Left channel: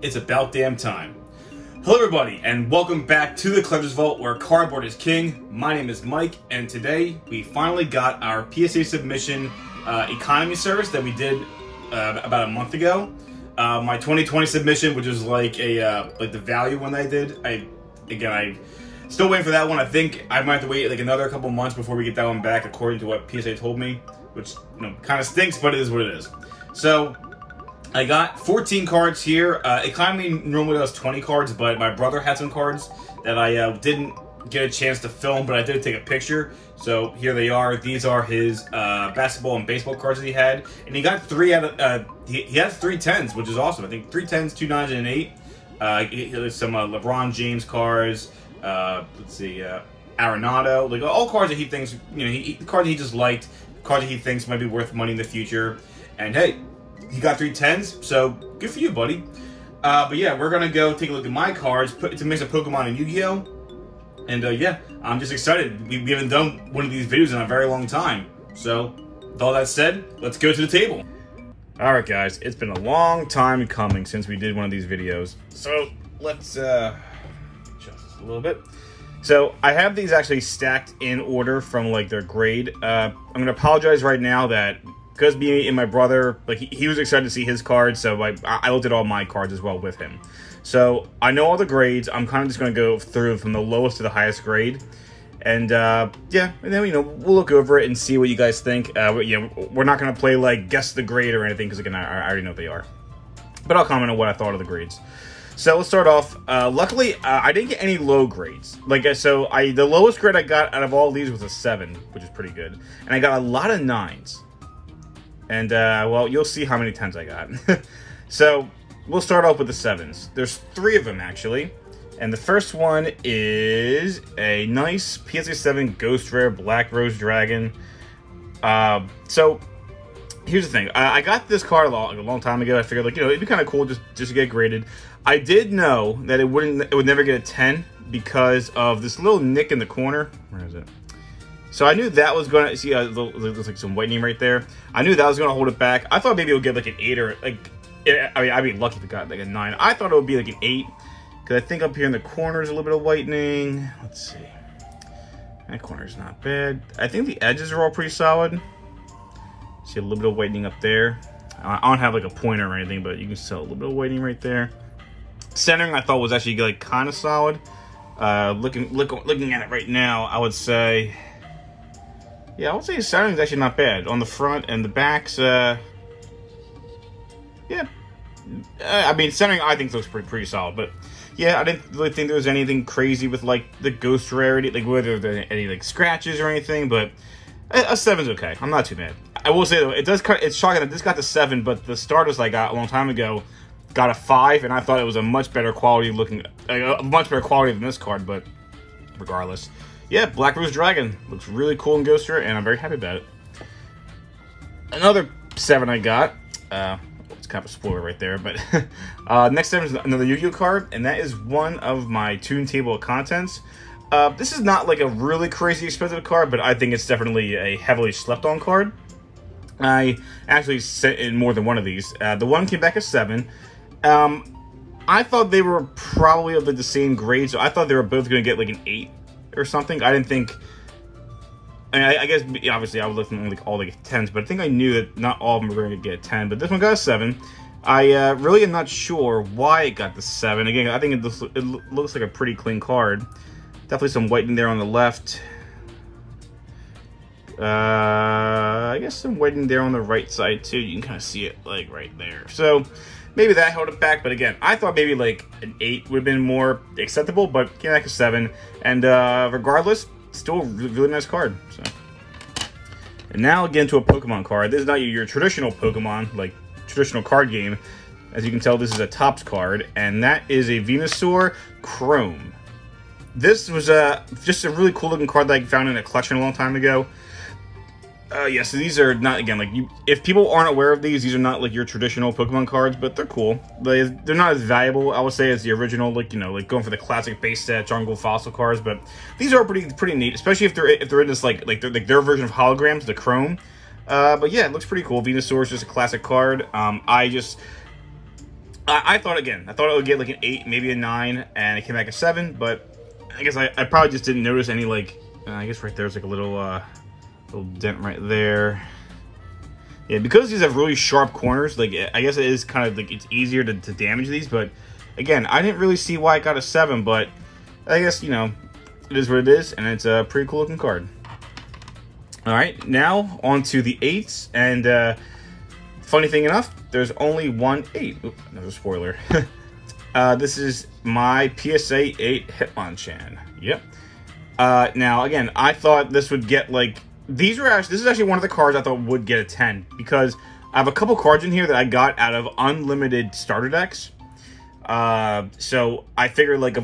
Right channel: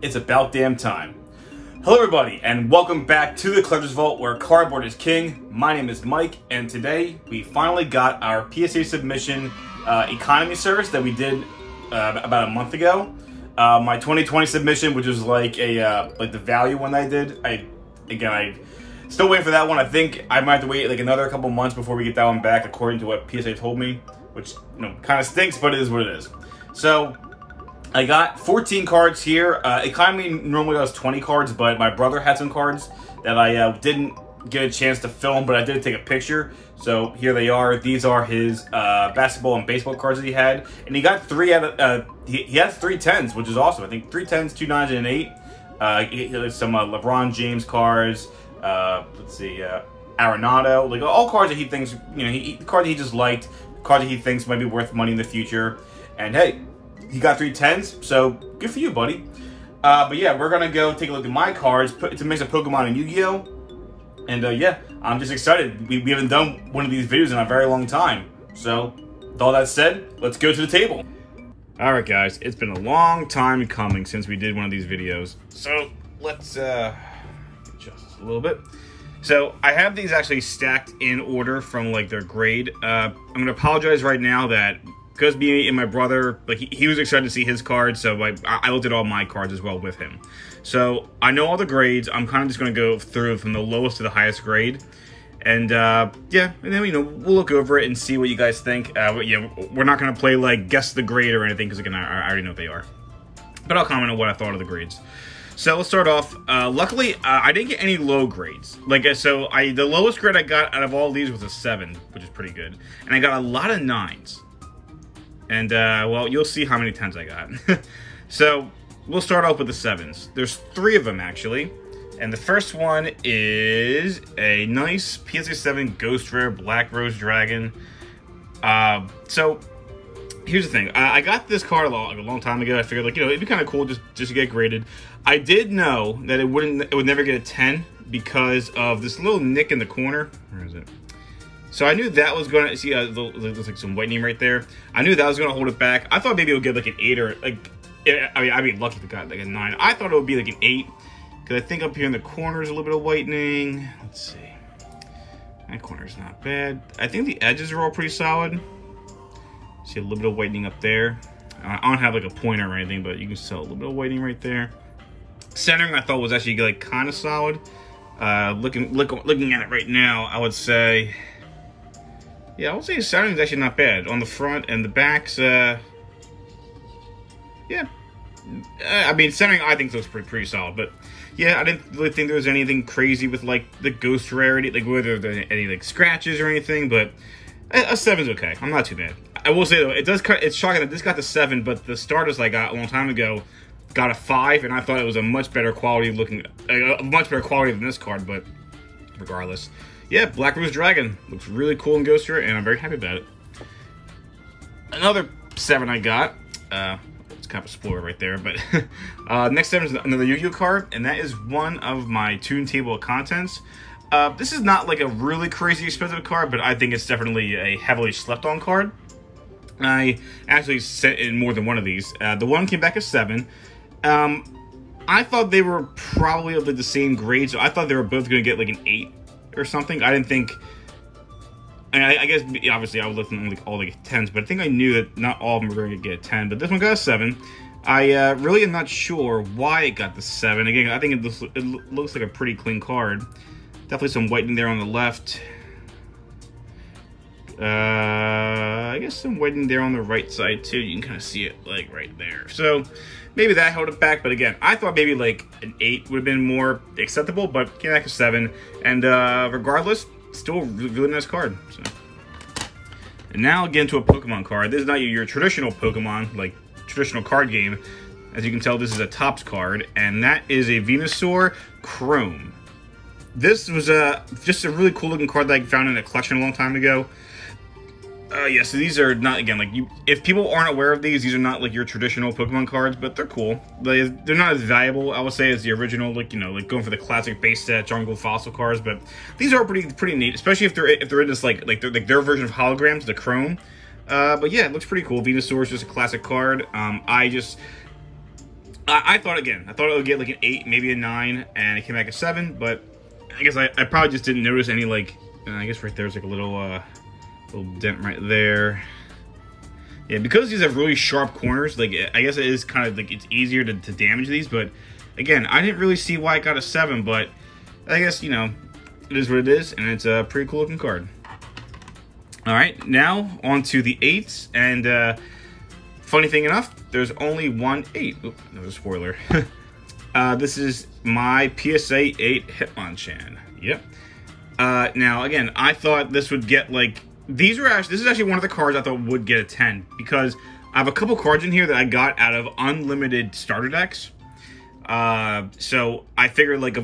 It's about damn time. Hello everybody, and welcome back to the Collector's Vault, where cardboard is king. My name is Mike, and today we finally got our PSA submission economy service that we did about a month ago. My 2020 submission, which was like the value one I did. I'm still waiting for that one. I think I might have to wait like another couple months before we get that one back, according to what PSA told me, which kind of stinks, but it is what it is. So I got 14 cards here. Economy normally does 20 cards, but my brother had some cards that I didn't get a chance to film, but I did take a picture. So here they are. These are his basketball and baseball cards that he had, and he got three out of. He has 3 10s, which is awesome. I think 3 10s, 2 9s, and an 8. There's some LeBron James cards. Let's see, Arenado, like all cards that he thinks, cards he just liked, cards that he thinks might be worth money in the future. And hey, he got 3 10s, so good for you, buddy. But yeah, we're gonna go take a look at my cards, put to mix of Pokemon and Yu-Gi-Oh! And yeah, I'm just excited. We haven't done one of these videos in a very long time. So, with all that said, let's go to the table. Alright guys, it's been a long time coming since we did one of these videos. So, let's adjust this a little bit. So, I have these actually stacked in order from like their grade. I'm gonna apologize right now that because me and my brother, like he was excited to see his cards, so I looked at all my cards as well with him. So I know all the grades. I'm kind of just going to go through from the lowest to the highest grade, and yeah, and then we'll look over it and see what you guys think. Yeah, we're not going to play like guess the grade or anything because again, I already know what they are. But I'll comment on what I thought of the grades. So let's start off. Luckily, I didn't get any low grades. The lowest grade I got out of all of these was a 7, which is pretty good, and I got a lot of 9s. And, well, you'll see how many 10s I got. So, we'll start off with the 7s. There's 3 of them, actually. And the first one is a nice PSA 7 Ghost Rare Black Rose Dragon. So, here's the thing. I got this card a long time ago. I figured, it'd be kind of cool just to get graded. I did know that it would never get a 10 because of this little nick in the corner. Where is it? So I knew that was going to, see, there's like some whitening right there. I knew that was going to hold it back. I thought maybe it would get like an 8 or like, I mean, I'd be lucky if it got like a 9. I thought it would be like an 8 because I think up here in the corner is a little bit of whitening. Let's see. That corner's not bad. I think the edges are all pretty solid. See a little bit of whitening up there. I don't have like a pointer or anything, but you can see a little bit of whitening right there. Centering I thought was actually like kind of solid. Looking at it right now, I would say, yeah, I would say centering is actually not bad. On the front and the backs, yeah. I mean, centering I think looks pretty solid, but yeah, I didn't really think there was anything crazy with like the ghost rarity, like whether there any like scratches or anything, but a 7's okay. I'm not too mad. I will say though, it's shocking that this got the 7, but the starters I got a long time ago got a 5, and I thought it was a much better quality looking, much better quality than this card, but regardless. Yeah, Black Rose Dragon looks really cool in Ghost Rare, and I'm very happy about it. Another 7 I got, it's kind of a spoiler right there, but next 7 is another Yu-Gi-Oh card, and that is one of my Toon Table of Contents. This is not like a really crazy expensive card, but I think it's definitely a heavily slept on card. I actually sent in more than one of these. The one came back as 7. I thought they were probably of the same grade, so I thought they were both going to get like an 8. Or something. I didn't think. I guess obviously I was looking at like all the 10s, but I think I knew that not all of them were going to get a 10. But this one got a 7. I really am not sure why it got the 7. Again, I think it looks like a pretty clean card. Definitely some whitening there on the left. I guess some whitening there on the right side too. You can kind of see it like right there. So maybe that held it back, but again, I thought maybe like an 8 would have been more acceptable, but came back a 7, and regardless, still a really nice card. So. And now I'll get into a Pokemon card. This is not your traditional Pokemon, like traditional card game. As you can tell, this is a Topps card, and that is a Venusaur Chrome. This was just a really cool looking card that I found in a collection a long time ago. Yeah, so these are not, again, like, if people aren't aware of these are not, like, your traditional Pokemon cards, but they're cool. They're not as valuable, I would say, as the original, like, like, going for the classic base set, jungle fossil cards, but these are pretty neat, especially if they're in this, like their version of holograms, the Chrome. But yeah, it looks pretty cool. Venusaur is just a classic card. I I thought it would get like an 8, maybe a 9, and it came back a 7, but I guess I probably just didn't notice any, like, I guess right there's like a little dent right there. Yeah, because these have really sharp corners, like, I guess it is kind of like, it's easier to damage these, but again, I didn't really see why it got a 7, but I guess, you know, it is what it is, and it's a pretty cool looking card. All right, now on to the 8s, and funny thing enough, there's only one 8. Oop, another spoiler. This is my PSA 8 Hitmonchan. Yep. Now, again, I thought this would get, like, this is actually one of the cards I thought would get a 10, because I have a couple cards in here that I got out of unlimited starter decks. So I figured, like,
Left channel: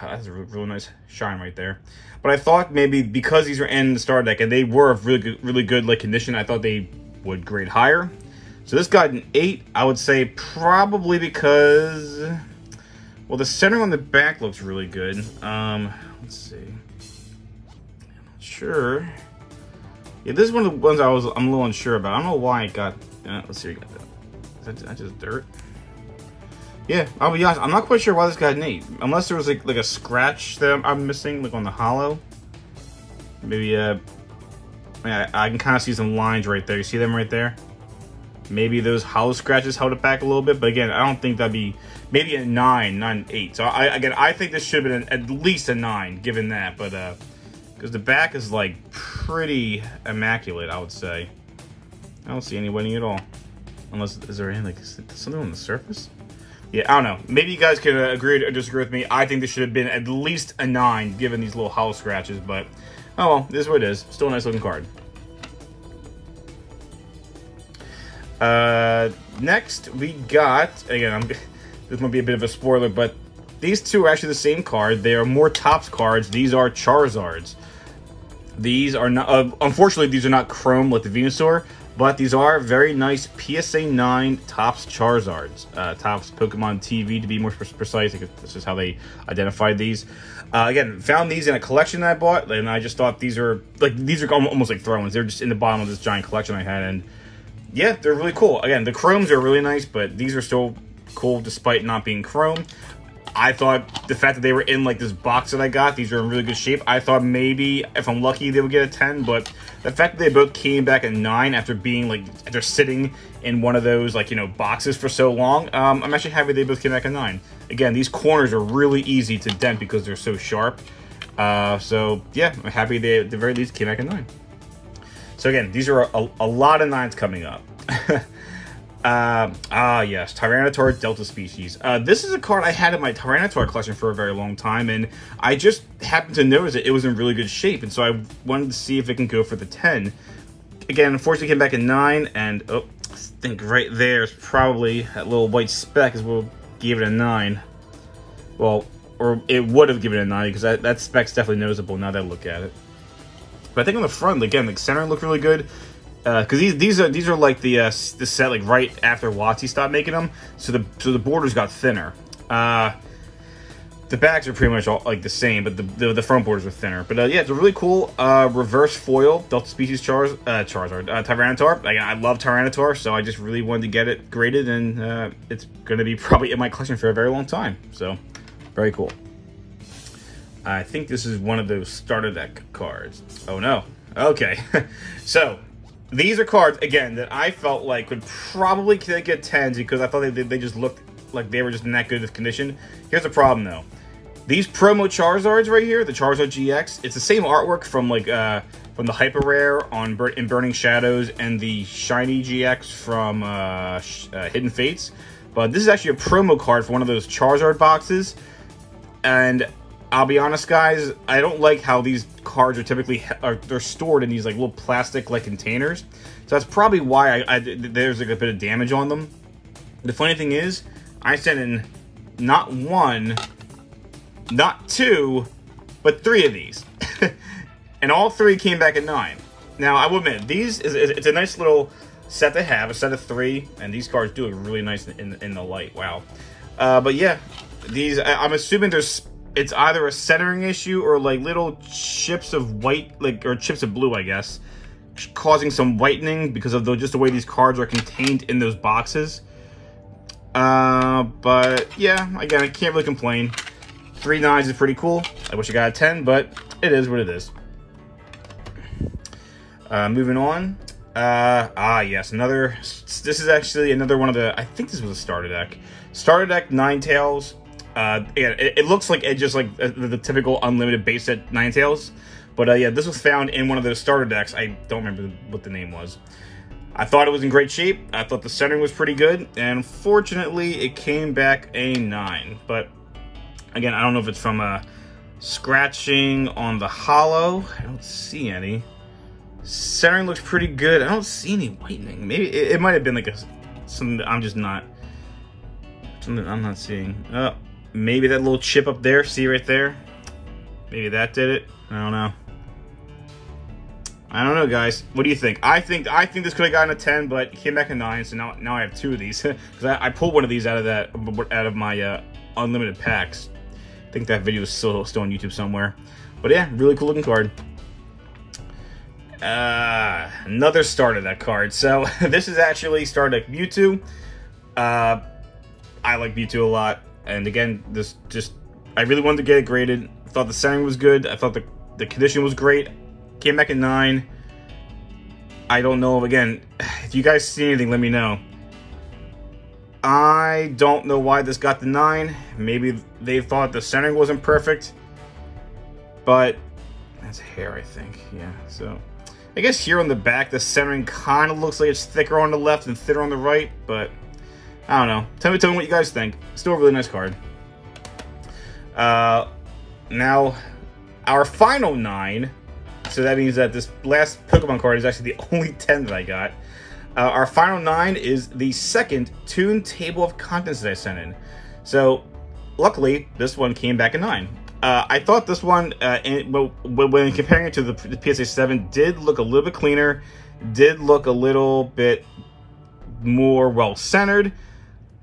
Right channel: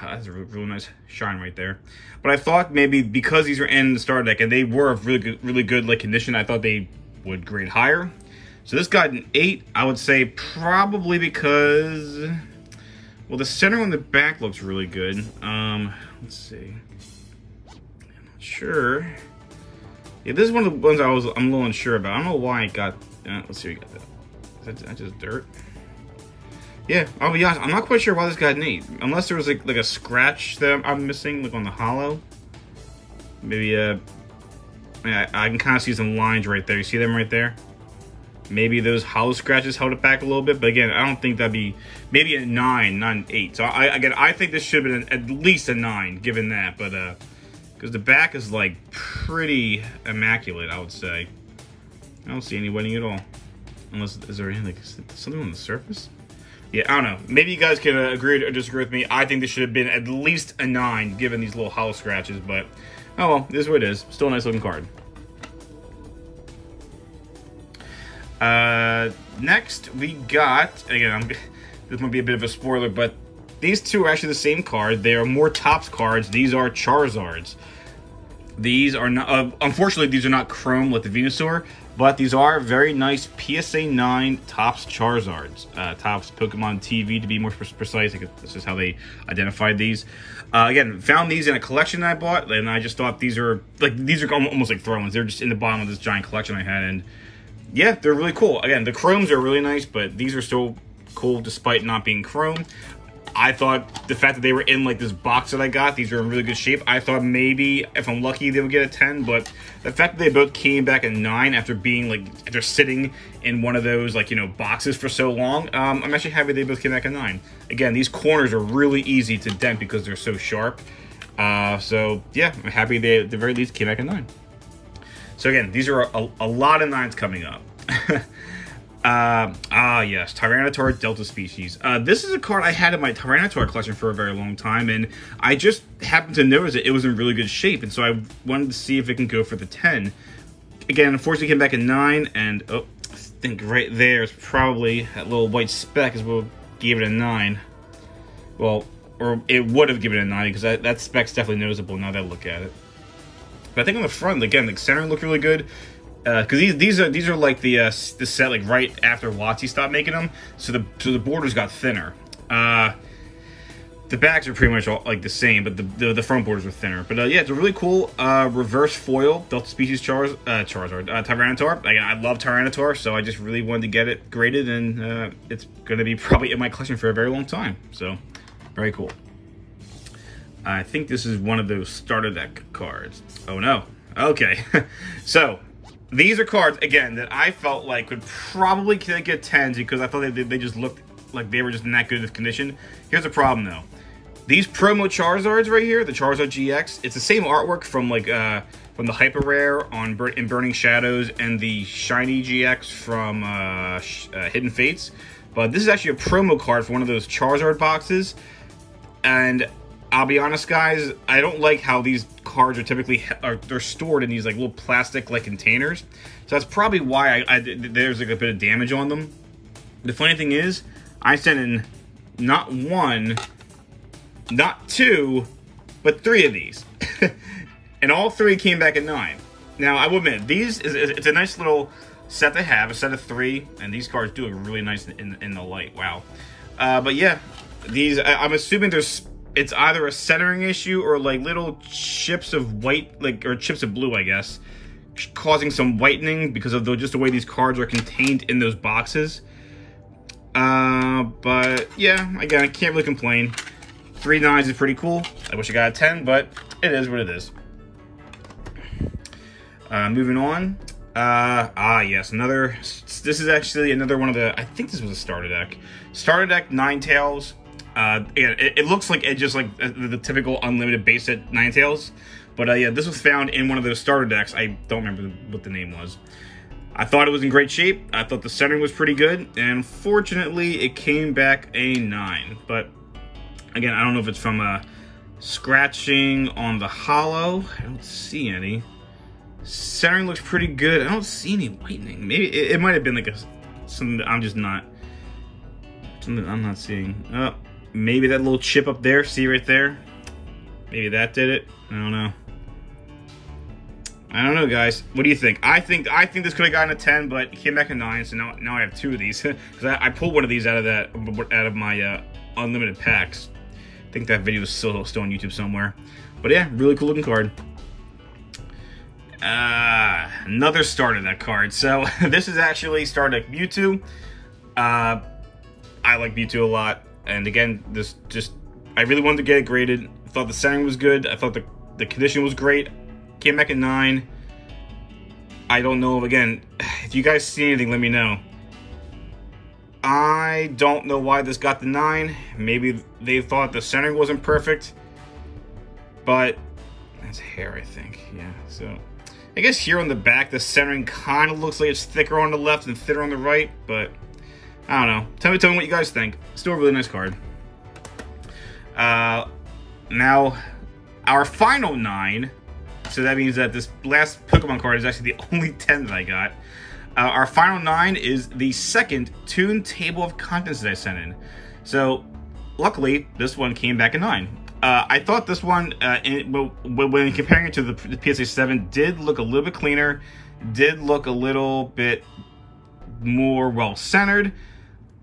that's a really nice shine right there. But I thought maybe because these are in the starter deck and they were of really good like condition, I thought they would grade higher. So this got an 8, I would say, probably because, well, the center on the back looks really good. Let's see. I'm not sure. Yeah, this is one of the ones I'm a little unsure about. I don't know why it got. Let's see, we got that. Is that just dirt? Yeah, I'll be honest. I'm not quite sure why this got an 8, unless there was like a scratch that I'm missing, like on the hollow. Maybe yeah, I can kind of see some lines right there. You see them right there? Maybe those hollow scratches held it back a little bit, but again, I don't think that'd be, maybe a 9, not an 8. So I think this should have been at least a 9, given that, but because the back is like pretty immaculate, I would say. I don't see any wedding at all, unless is there any like something on the surface? Yeah, I don't know. Maybe you guys can agree or disagree with me. I think this should have been at least a 9, given these little hollow scratches, but oh well, this is what it is. Still a nice looking card. Next we got, again, this might be a bit of a spoiler, but these two are actually the same card. They are more Topps cards. These are Charizards. These are not, unfortunately, these are not chrome like the Venusaur, but these are very nice PSA 9 Topps Charizards. Topps Pokemon TV, to be more precise. This is how they identified these. Again, found these in a collection that I bought, and I just thought these are almost like throw-ins. They're just in the bottom of this giant collection I had, and yeah, they're really cool. Again, the chromes are really nice, but these are still cool despite not being chrome. I thought the fact that they were in like this box that I got, these are in really good shape. I thought maybe if I'm lucky they would get a 10, but the fact that they both came back at 9 after being like, after sitting in one of those like, you know, boxes for so long, I'm actually happy they both came back at 9. Again, these corners are really easy to dent because they're so sharp. So yeah, I'm happy they at the very least came back at 9. So again, these are a lot of 9s coming up. Yes, Tyranitar Delta Species. This is a card I had in my Tyranitar collection for a very long time, and I just happened to notice that it was in really good shape, and so I wanted to see if it can go for the 10. Again, unfortunately, it came back at 9, and I think right there is probably that little white speck is what gave it a 9. Well, or it would have given it a 9, because that speck's definitely noticeable now that I look at it. But I think on the front, again, the center looked really good. Because these are like the set like right after WotC stopped making them, so the borders got thinner. The backs are pretty much all like the same, but the front borders are thinner. But yeah, it's a really cool reverse foil Delta Species Tyranitar. Again, I love Tyranitar, so I just really wanted to get it graded, and it's going to be probably in my collection for a very long time. So very cool. I think this is one of those starter deck cards. Oh no. Okay. So these are cards, again, that I felt like could probably get 10s because I thought they just looked like they were just in that good of condition. Here's the problem, though. These promo Charizards right here, the Charizard GX, it's the same artwork from like from the Hyper Rare in Burning Shadows and the Shiny GX from Hidden Fates. But this is actually a promo card for one of those Charizard boxes. And I'll be honest, guys, I don't like how these cards are typically they're stored in these like little plastic like containers. So that's probably why there's like a bit of damage on them. The funny thing is, I sent in not 1, not 2, but 3 of these, and all 3 came back at 9. Now I will admit, it's a nice little set to have, a set of 3, and these cards do look really nice in the light. Wow. But yeah, these I'm assuming it's either a centering issue or like little chips of white, or chips of blue, I guess, causing some whitening because of just the way these cards are contained in those boxes. But yeah, again, I can't really complain. 3 9s is pretty cool. I wish I got a 10, but it is what it is. Moving on. Yes, this is actually another one of the, I think this was a starter deck. Starter deck 9-tails. Yeah, it looks like it just like the typical unlimited base set 9-tails. But yeah, this was found in one of those starter decks. I don't remember what the name was. I thought it was in great shape. I thought the centering was pretty good. And unfortunately, it came back a 9. But again, I don't know if it's from scratching on the hollow. I don't see any. Centering looks pretty good. I don't see any whitening. Maybe it might have been like something that I'm not seeing. Oh, maybe that little chip up there. See right there? Maybe that did it. I don't know. I don't know, guys. What do you think? I think this could have gotten a 10, but it came back a 9. So now I have 2 of these because I pulled one of these out of my unlimited packs. I think that video is still on YouTube somewhere. But yeah, really cool looking card. Another starter deck card. So this is actually starter deck Mewtwo. I like Mewtwo a lot, and again, I really wanted to get it graded. I thought the centering was good. I thought the condition was great. Came back at 9. I don't know. Again, if you guys see anything, let me know. I don't know why this got the 9. Maybe they thought the centering wasn't perfect, but that's hair, I think. Yeah. So I guess here on the back, the centering kind of looks like it's thicker on the left and thinner on the right, but I don't know. Tell me what you guys think. Still a really nice card. Now, our final 9. So that means that this last Pokemon card is actually the only 10 that I got. Our final 9 is the second Toon Table of Contents that I sent in. So, luckily, this one came back a 9. I thought this one, when comparing it to the PSA 7, did look a little bit cleaner, did look a little bit more well-centered,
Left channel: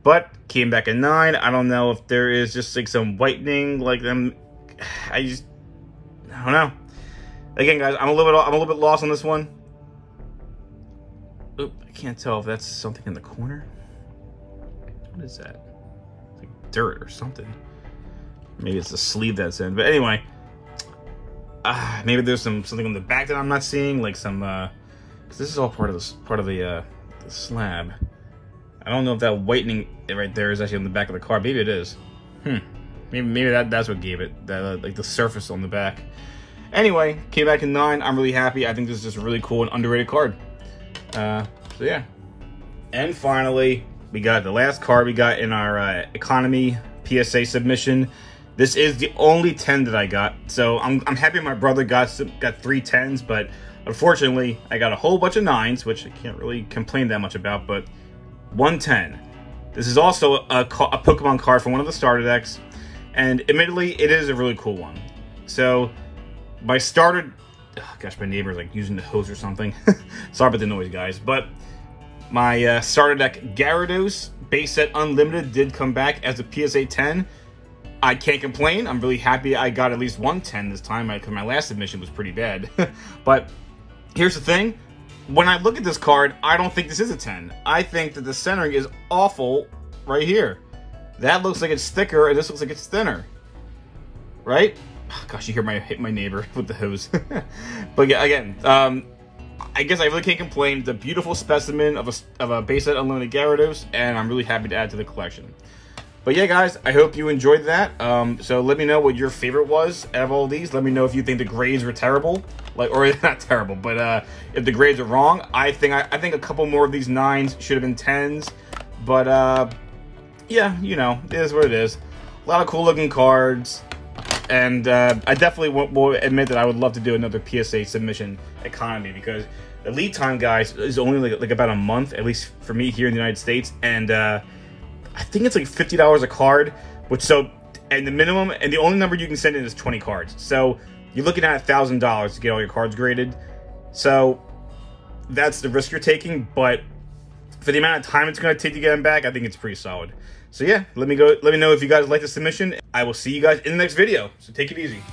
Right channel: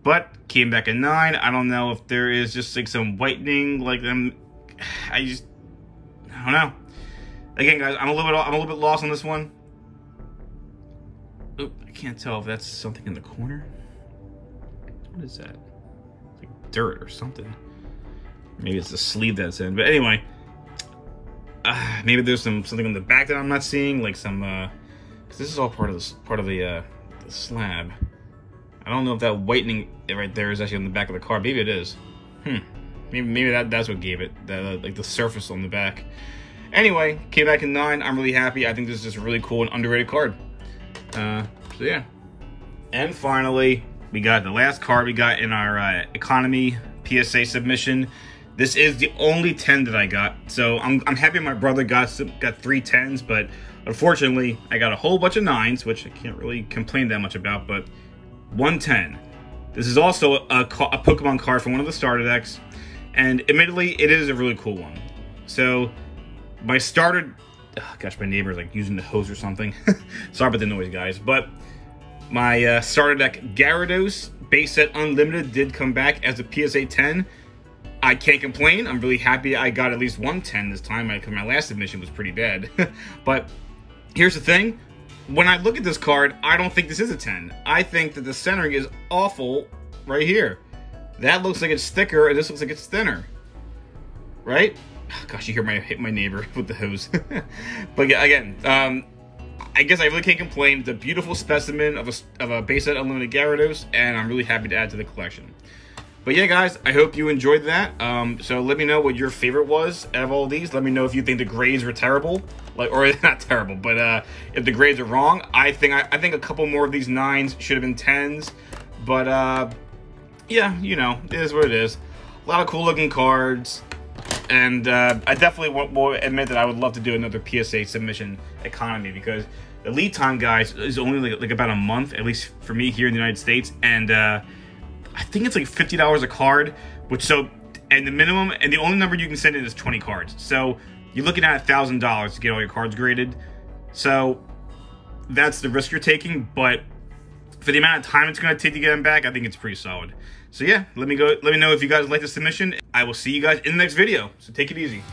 but came back a 9. I don't know if there is just like some whitening, like them. I don't know. Again, guys, I'm a little bit lost on this one. Oop, I can't tell if that's something in the corner. What is that? Like dirt or something. Maybe it's the sleeve that's in. But anyway, maybe there's something on the back that I'm not seeing, like some. Cause this is all part of the slab. I don't know if that whitening right there is actually on the back of the card. Maybe it is. Maybe that's what gave it that like the surface on the back. Anyway, came back in 9. I'm really happy. I think this is just a really cool and underrated card. So yeah. And finally, we got the last card we got in our economy PSA submission. This is the only 10 that I got. So I'm happy my brother got 3 10s, but unfortunately, I got a whole bunch of 9s, which I can't really complain that much about, but 1 10. This is also a Pokemon card from one of the starter decks, and admittedly, it is a really cool one. So my starter, gosh, my neighbor's like using the hose or something. Sorry about the noise, guys. But my starter deck Gyarados base set unlimited did come back as a PSA 10. I can't complain. I'm really happy I got at least 1 10 this time, because my last submission was pretty bad. But here's the thing. When I look at this card, I don't think this is a 10. I think that the centering is awful right here. That looks like it's thicker, and this looks like it's thinner. Right? Gosh, you hit my neighbor with the hose. But yeah, again, I guess I really can't complain. It's a beautiful specimen of a base set unlimited Gyarados, and I'm really happy to add to the collection. But yeah, guys, I hope you enjoyed that. So let me know what your favorite was out of all these. Let me know if you think the grades were terrible, or not terrible, but if the grades are wrong. I think a couple more of these 9s should have been 10s. But yeah, you know, it is what it is. A lot of cool looking cards. And I definitely will admit that I would love to do another PSA submission economy, because the lead time, guys, is only like about a month, at least for me here in the United States. And I think it's like $50 a card, and the minimum, and the only number you can send in is 20 cards. So you're looking at $1,000 to get all your cards graded. So that's the risk you're taking, but for the amount of time it's going to take to get them back, I think it's pretty solid. So yeah, let me know if you guys like the submission. I will see you guys in the next video. So take it easy.